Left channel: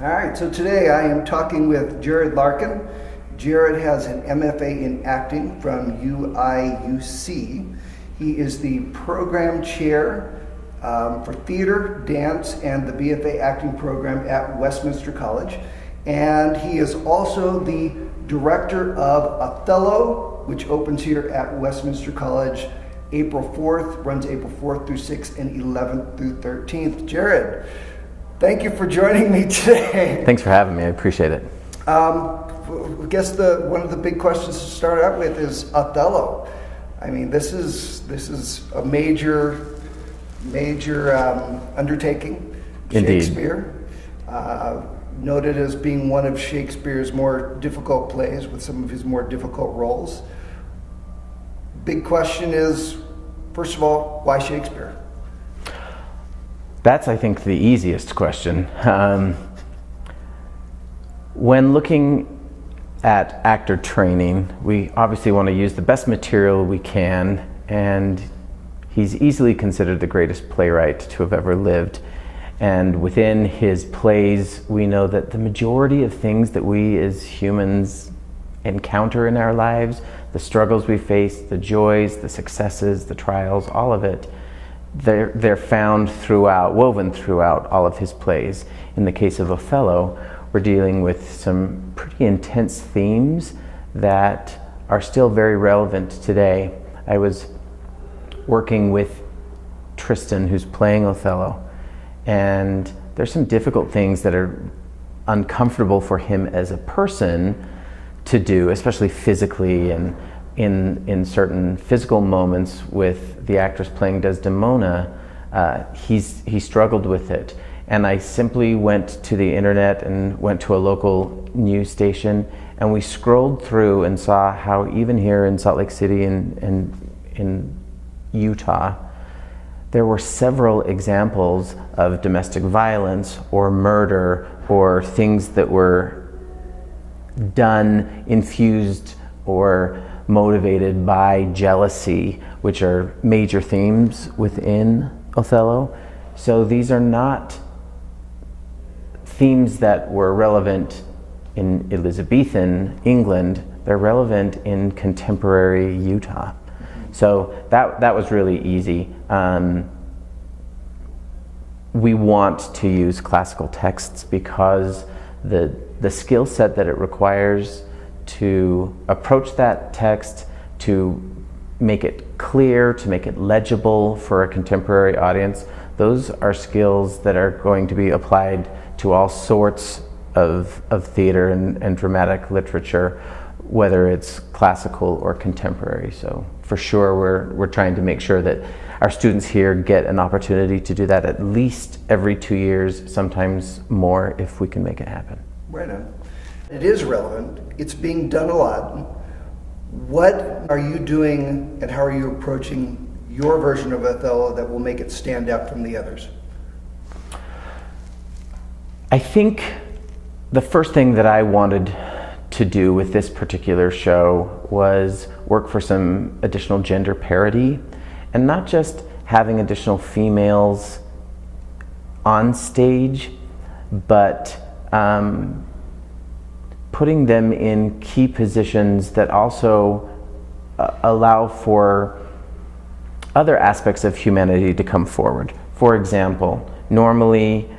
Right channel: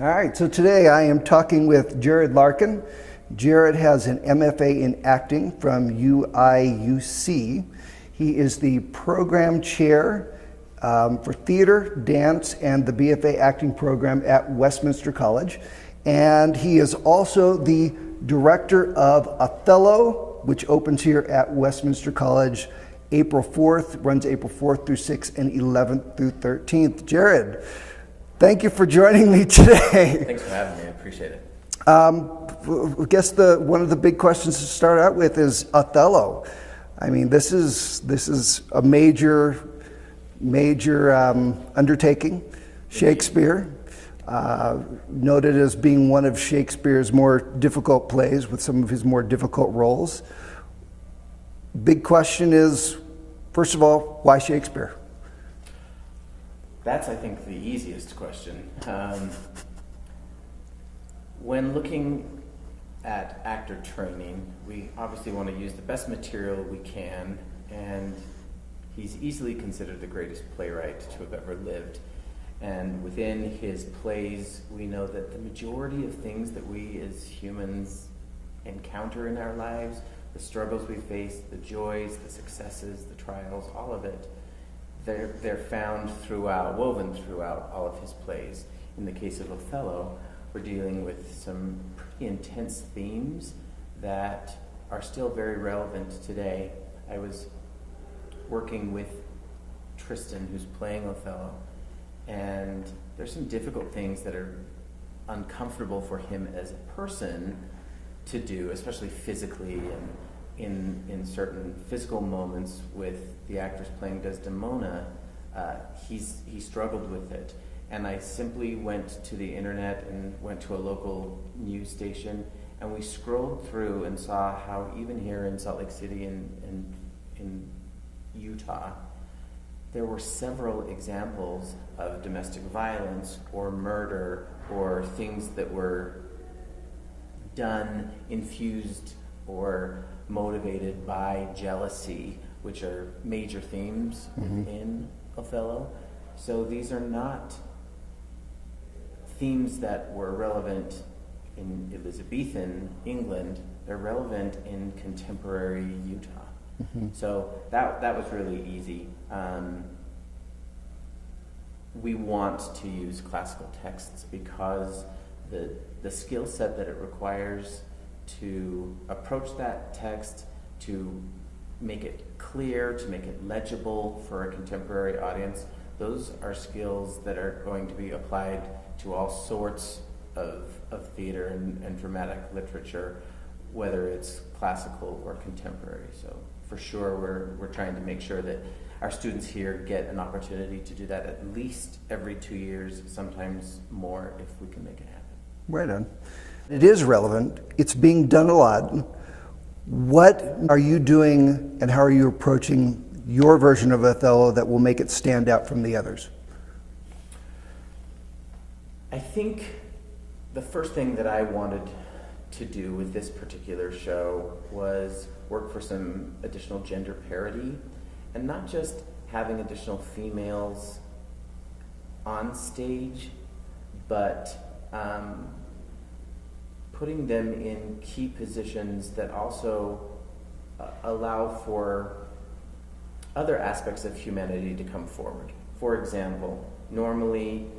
All right, so today I am talking with Jared Larkin. Jared has an MFA in acting from UIUC. He is the program chair for theater, dance, and the BFA acting program at Westminster College. And he is also the director of Othello, which opens here at Westminster College April 4th, runs April 4th through 6th and 11th through 13th. Jared, thank you for joining me today. Thanks for having me. I appreciate it. I guess one of the big questions to start out with is Othello. I mean, this is a major undertaking. Indeed. Shakespeare, noted as being one of Shakespeare's more difficult plays with some of his more difficult roles. Big question is, first of all, why Shakespeare? That's, I think, the easiest question. When looking at actor training, we obviously want to use the best material we can, and he's easily considered the greatest playwright to have ever lived. And within his plays, we know that the majority of things that we as humans encounter in our lives, the struggles we face, the joys, the successes, the trials, all of it, they're found woven throughout all of his plays. In the case of Othello, we're dealing with some pretty intense themes that are still very relevant today. I was working with Tristan, who's playing Othello, and there's some difficult things that are uncomfortable for him as a person to do, especially physically, and in certain physical moments with the actress playing Desdemona, he struggled with it. And I simply went to the internet and went to a local news station, and we scrolled through and saw how even here in Salt Lake City and in Utah, there were several examples of domestic violence or murder or things that were done, infused, or motivated by jealousy, which are major themes within Othello. So these are not themes that were relevant in Elizabethan England, they're relevant in contemporary Utah. So that was really easy. We want to use classical texts because the skill set that it requires to approach that text, to make it clear, to make it legible for a contemporary audience, those are skills that are going to be applied to all sorts of theater and dramatic literature, whether it's classical or contemporary. So for sure, we're trying to make sure that our students here get an opportunity to do that at least every 2 years, sometimes more if we can make it happen. Right on. It is relevant. It's being done a lot. What are you doing and how are you approaching your version of Othello that will make it stand out from the others? I think the first thing that I wanted to do with this particular show was work for some additional gender parity, and not just having additional females on stage, but putting them in key positions that also allow for other aspects of humanity to come forward. For example, normally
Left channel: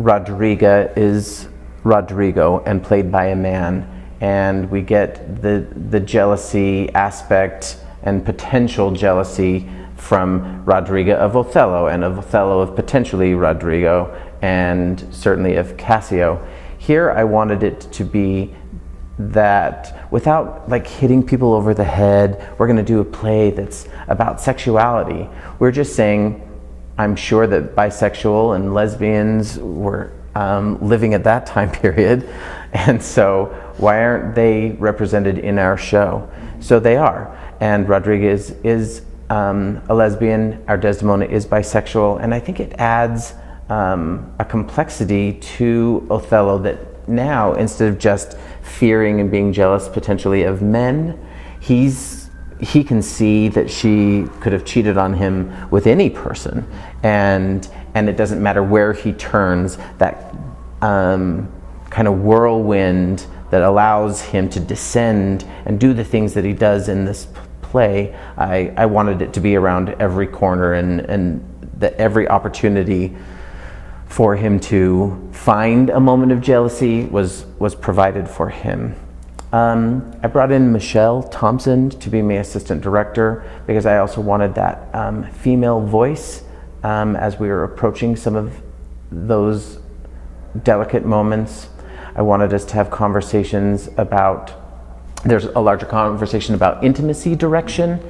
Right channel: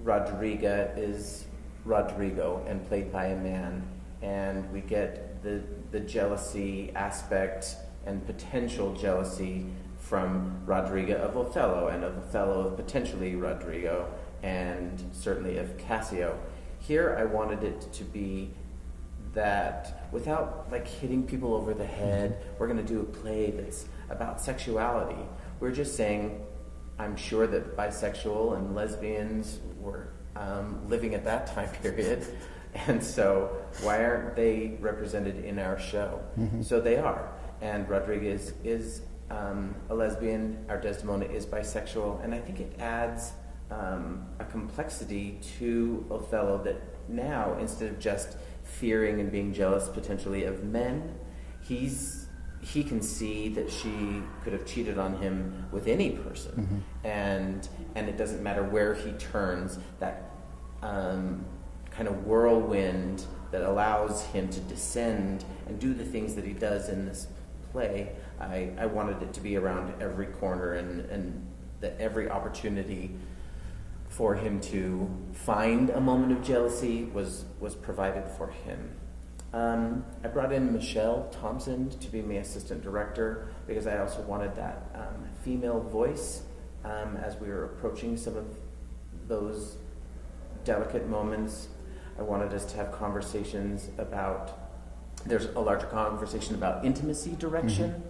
Rodriga is Rodrigo and played by a man, and we get the jealousy aspect and potential jealousy from Rodriga of Othello, and of Othello of potentially Rodrigo, and certainly of Cassio. Here I wanted it to be that without like hitting people over the head, we're going to do a play that's about sexuality. We're just saying, I'm sure that bisexual and lesbians were living at that time period, and so why aren't they represented in our show? So they are, and Rodriguez is a lesbian, our Desdemona is bisexual, and I think it adds a complexity to Othello that now, instead of just fearing and being jealous potentially of men, he can see that she could have cheated on him with any person, and it doesn't matter where he turns, that kind of whirlwind that allows him to descend and do the things that he does in this play. I wanted it to be around every corner, and that every opportunity for him to find a moment of jealousy was provided for him. I brought in Michelle Thompson to be my assistant director because I also wanted that female voice as we were approaching some of those delicate moments. I wanted us to have conversations about, there's a larger conversation about intimacy direction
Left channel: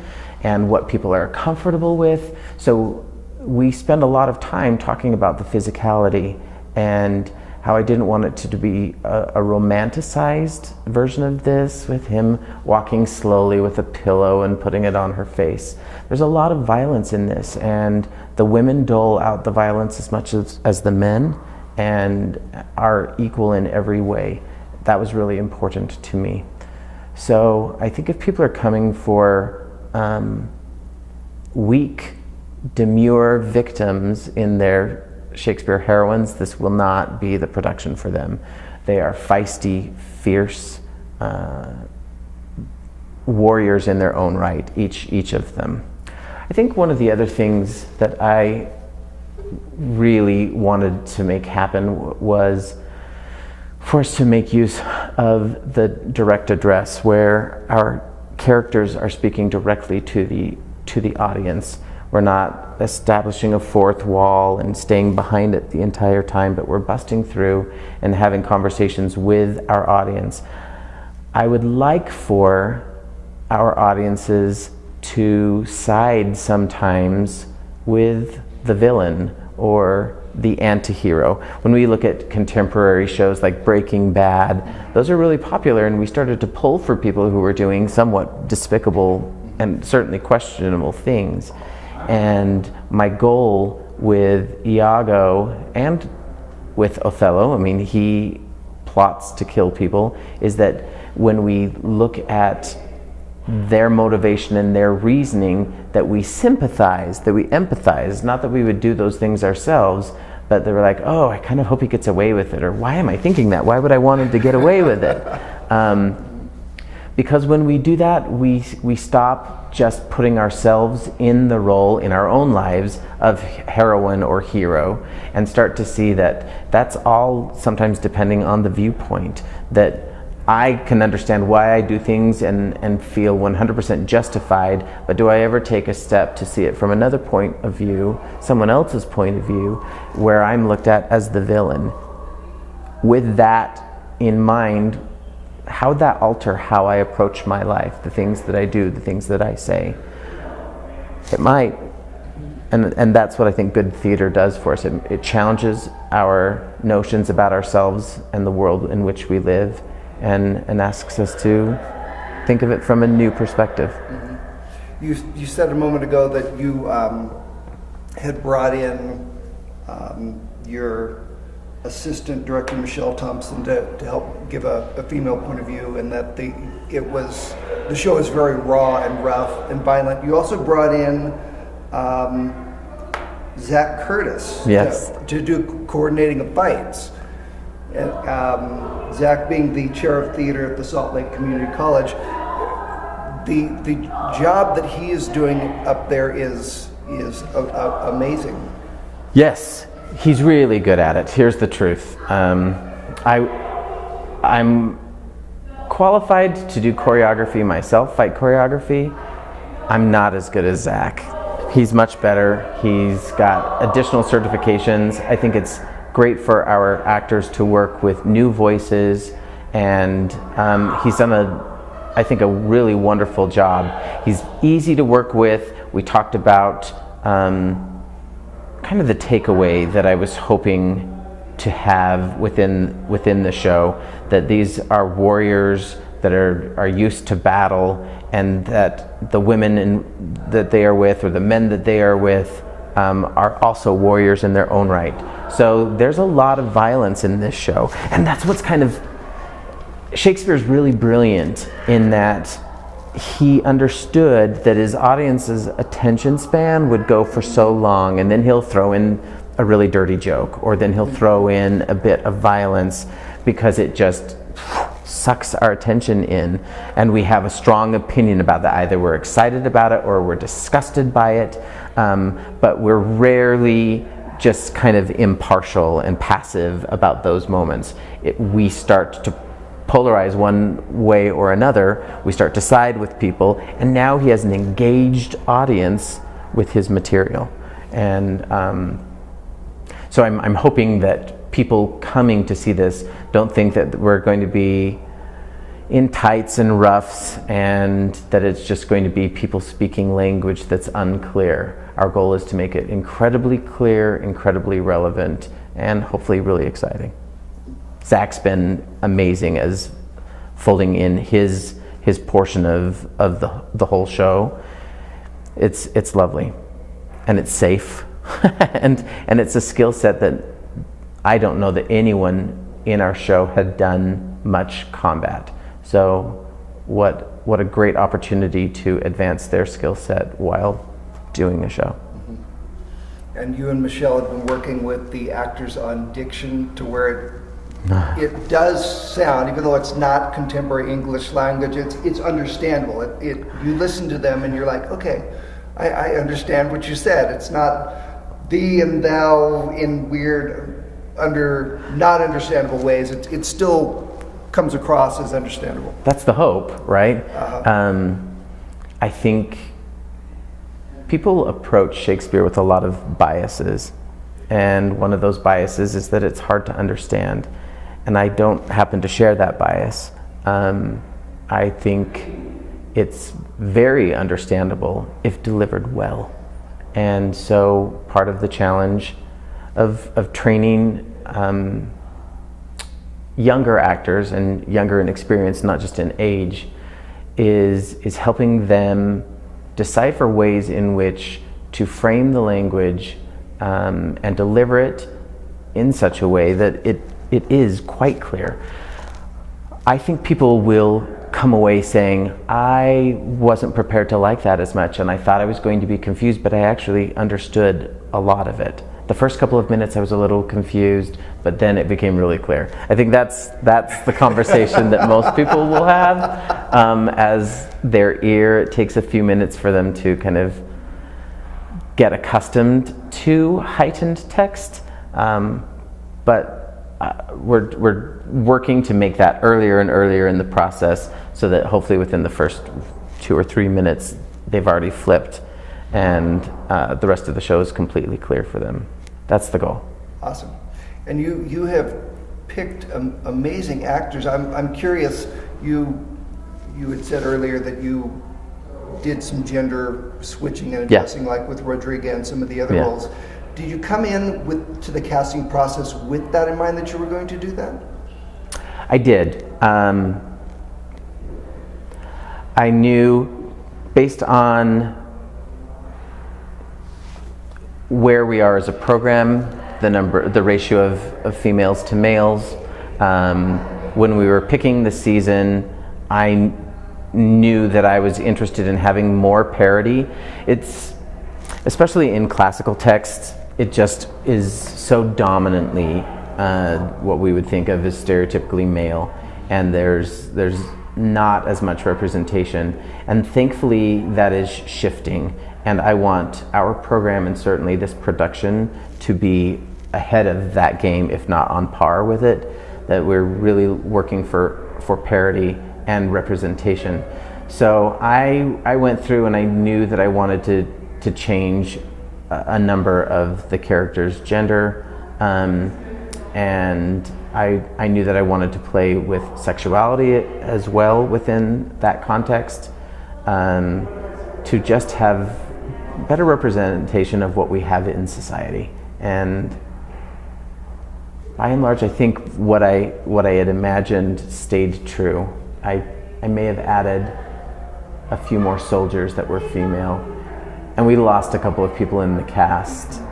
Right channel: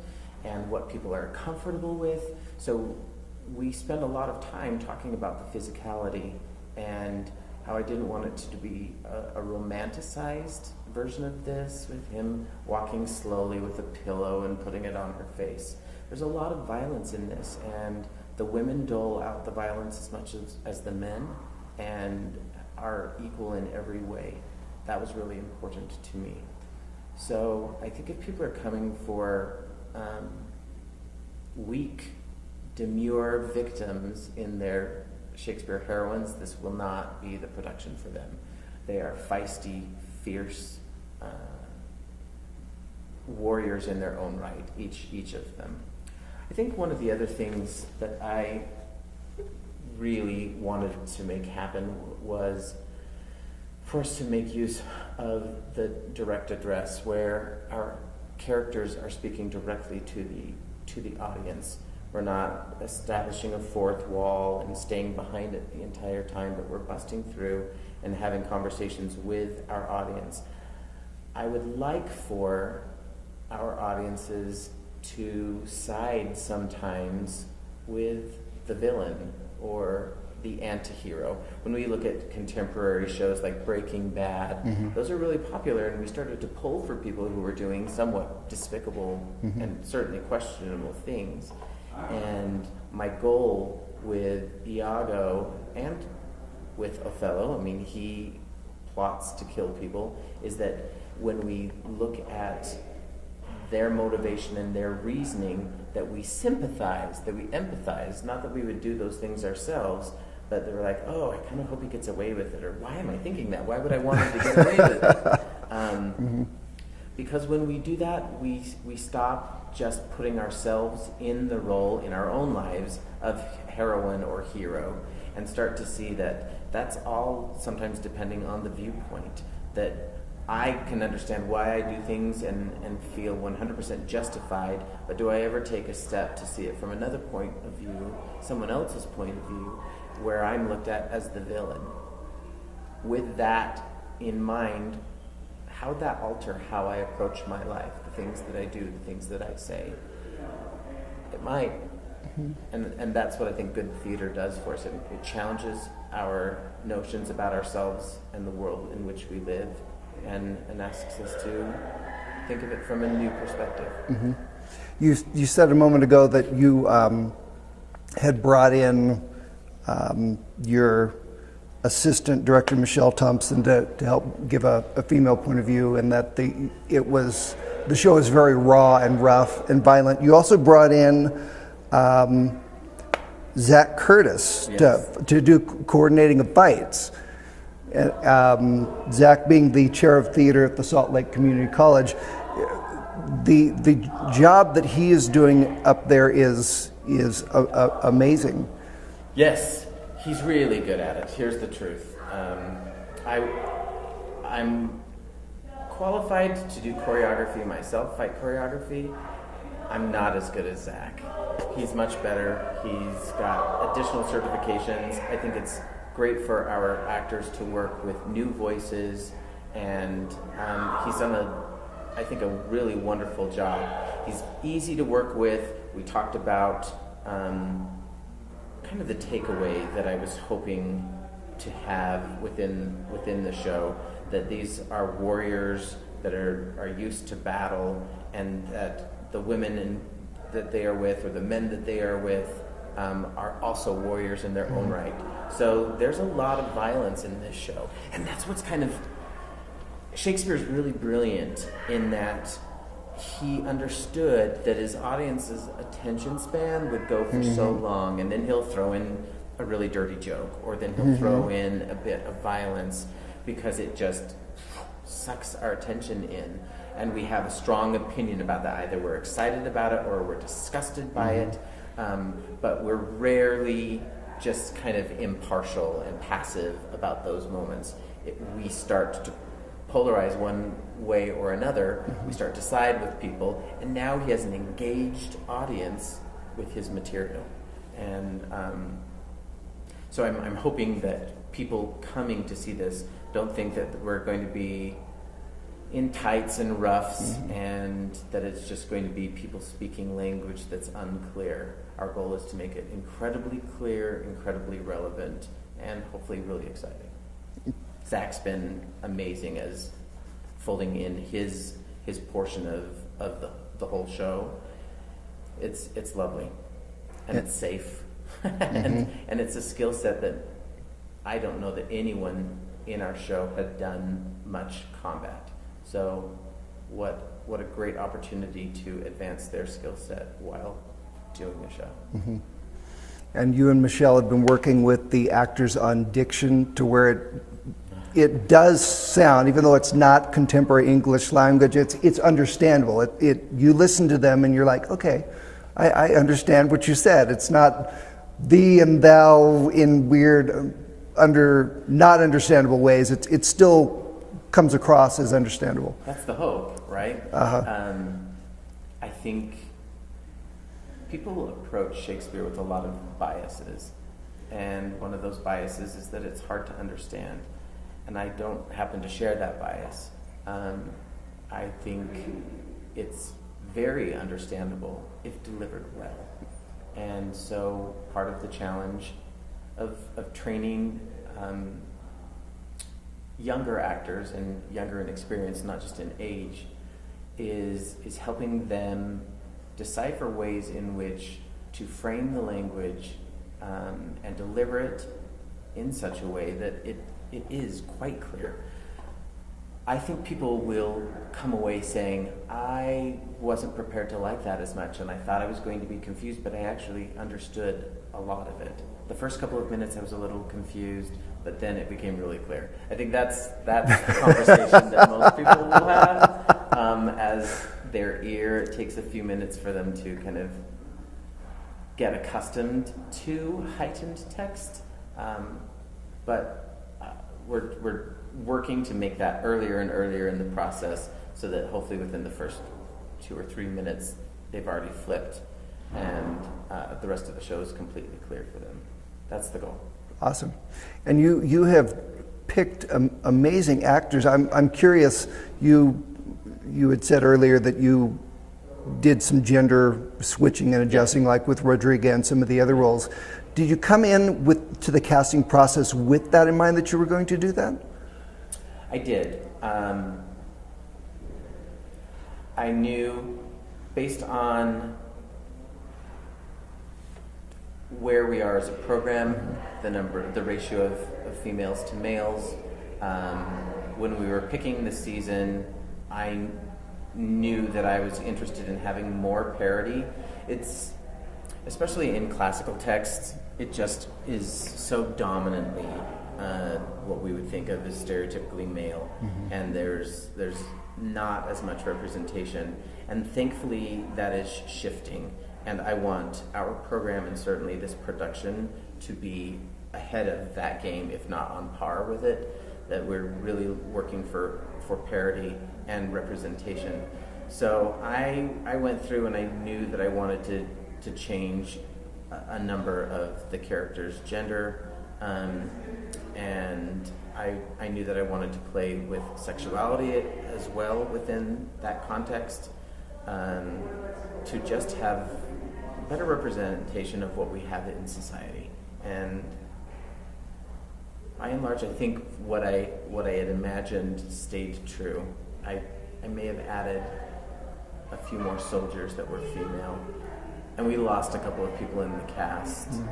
and what people are comfortable with. So we spend a lot of time talking about the physicality and how I didn't want it to be a romanticized version of this, with him walking slowly with a pillow and putting it on her face. There's a lot of violence in this, and the women dole out the violence as much as the men, and are equal in every way. That was really important to me. So I think if people are coming for weak, demure victims in their Shakespeare heroines, this will not be the production for them. They are feisty, fierce warriors in their own right, each of them. I think one of the other things that I really wanted to make happen was for us to make use of the direct address, where our characters are speaking directly to the audience. We're not establishing a fourth wall and staying behind it the entire time, but we're busting through and having conversations with our audience. I would like for our audiences to side sometimes with the villain or the anti-hero. When we look at contemporary shows like Breaking Bad, those are really popular, and we started to pull for people who were doing somewhat despicable and certainly questionable things. And my goal with Iago and with Othello, I mean, he plots to kill people, is that when we look at their motivation and their reasoning, that we sympathize, that we empathize, not that we would do those things ourselves, but they were like, oh, I kind of hope he gets away with it, or why am I thinking that? Why would I want him to get away with it? Because when we do that, we stop just putting ourselves in the role in our own lives of heroine or hero, and start to see that that's all sometimes depending on the viewpoint, that I can understand why I do things and feel 100% justified, but do I ever take a step to see it from another point of view, someone else's point of view, where I'm looked at as the villain? With that in mind, how would that alter how I approach my life, the things that I do, the things that I say? It might. And that's what I think good theater does for us. It challenges our notions about ourselves and the world in which we live, and asks us to think of it from a new perspective. Mm-hmm. You said a moment ago that you had brought in your assistant director, Michelle Thompson, to help give a female point of view, and that the show is very raw and rough and violent. You also brought in Zach Curtis, yes, to do coordinating of fights. Zach being the chair of theater at the Salt Lake Community College, the job that he is doing up there is amazing. Yes, he's really good at it. Here's the truth. I'm qualified to do choreography myself, fight choreography. I'm not as good as Zach. He's much better. He's got additional certifications. I think it's great for our actors to work with new voices, and he's done I think a really wonderful job. He's easy to work with. We talked about kind of the takeaway that I was hoping to have within the show, that these are warriors that are used to battle, and that the women that they are with, or the men that they are with, are also warriors in their own right. So there's a lot of violence in this show, and that's what's kind of, Shakespeare's really brilliant in that he understood that his audience's attention span would go for so long, and then he'll throw in a really dirty joke, or then he'll throw in a bit of violence because it just sucks our attention in, and we have a strong opinion about that. Either we're excited about it or we're disgusted by it, but we're rarely just kind of impartial and passive about those moments. We start to polarize one way or another. We start to side with people, and now he has an engaged audience with his material. And so I'm hoping that people coming to see this don't think that we're going to be in tights and ruffs and that it's just going to be people speaking language that's unclear. Our goal is to make it incredibly clear, incredibly relevant, and hopefully really exciting. Zach's been amazing as folding in his portion of the whole show. It's lovely, and it's safe, and it's a skill set that I don't know that anyone in our show had done much combat. So what a great opportunity to advance their skill set while doing a show. And you and Michelle have been working with the actors on diction to where it does sound, even though it's not contemporary English language, it's understandable. You listen to them and you're like, okay, I understand what you said. It's not thee and thou in weird, not understandable ways. It still comes across as understandable. That's the hope, right? I think people approach Shakespeare with a lot of biases, and one of those biases is that it's hard to understand, and I don't happen to share that bias. I think it's very understandable if delivered well, and so part of the challenge of training younger actors, and younger in experience, not just in age, is helping them decipher ways in which to frame the language and deliver it in such a way that it is quite clear. I think people will come away saying, I wasn't prepared to like that as much, and I thought I was going to be confused, but I actually understood a lot of it. The first couple of minutes I was a little confused, but then it became really clear. I think that's the conversation that most people will have as their ear. It takes a few minutes for them to kind of get accustomed to heightened text, but we're working to make that earlier and earlier in the process, so that hopefully within the first 2 or 3 minutes they've already flipped, and the rest of the show is completely clear for them. That's the goal. Awesome. And you have picked amazing actors. I'm curious, you had said earlier that you did some gender switching and adjusting, like with Rodrigo and some of the other roles. Did you come in to the casting process with that in mind, that you were going to do that? I did. I knew, based on where we are as a program, the ratio of females to males. When we were picking the season, I knew that I was interested in having more parity. It's, especially in classical texts, it just is so dominantly what we would think of as stereotypically male, and there's not as much representation, and thankfully that is shifting. And I want our program, and certainly this production, to be ahead of that game, if not on par with it, that we're really working for parity and representation. So I went through and I knew that I wanted to change a number of the characters' gender, and I knew that I wanted to play with sexuality as well within that context, to just have better representation of what we have in society. And by and large, I think what I had imagined stayed true. I may have added a few more soldiers that were female, and we lost a couple of people in the cast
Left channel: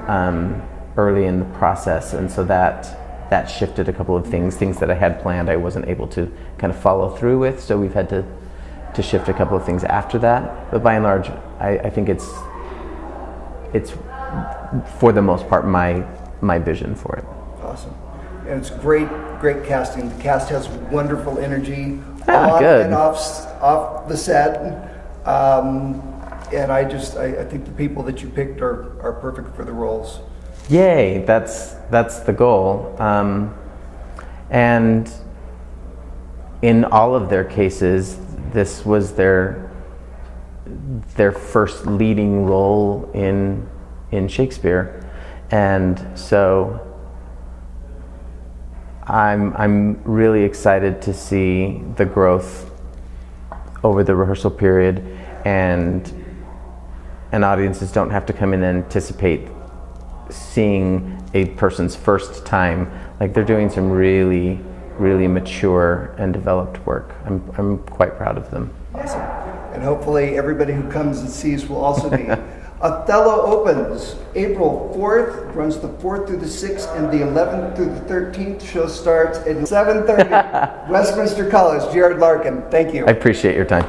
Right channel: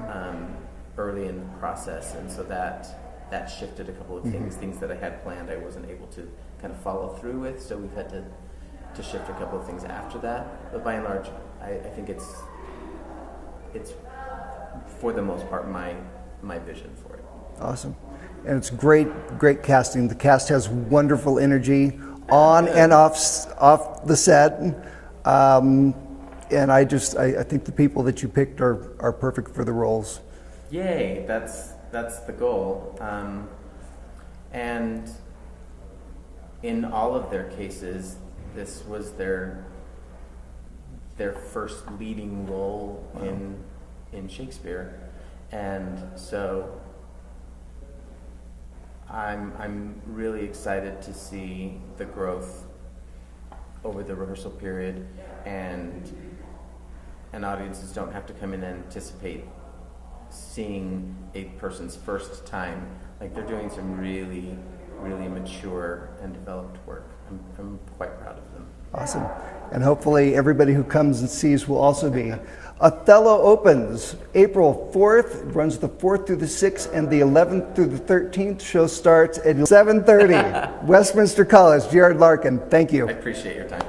early in the process, and so that shifted a couple of things that I had planned I wasn't able to kind of follow through with, so we've had to shift a couple of things after that. But by and large, I think it's for the most part my my vision for it. Awesome. And it's great casting. The cast has wonderful energy on Good. and off the set. And I think the people that you picked are perfect for the roles. Yay! That's the goal. And in all of their cases, this was their first leading role in Shakespeare, and so I'm really excited to see the growth over the rehearsal period, and audiences don't have to come in and anticipate seeing a person's first time. Like, they're doing some really, really mature and developed work. I'm quite proud of them. Awesome. And hopefully everybody who comes and sees will also be. Othello opens April 4th, runs the 4th through the 6th, and the 11th through the 13th. Show starts at 7:30. Westminster College. Jared Larkin, thank you. I appreciate your time.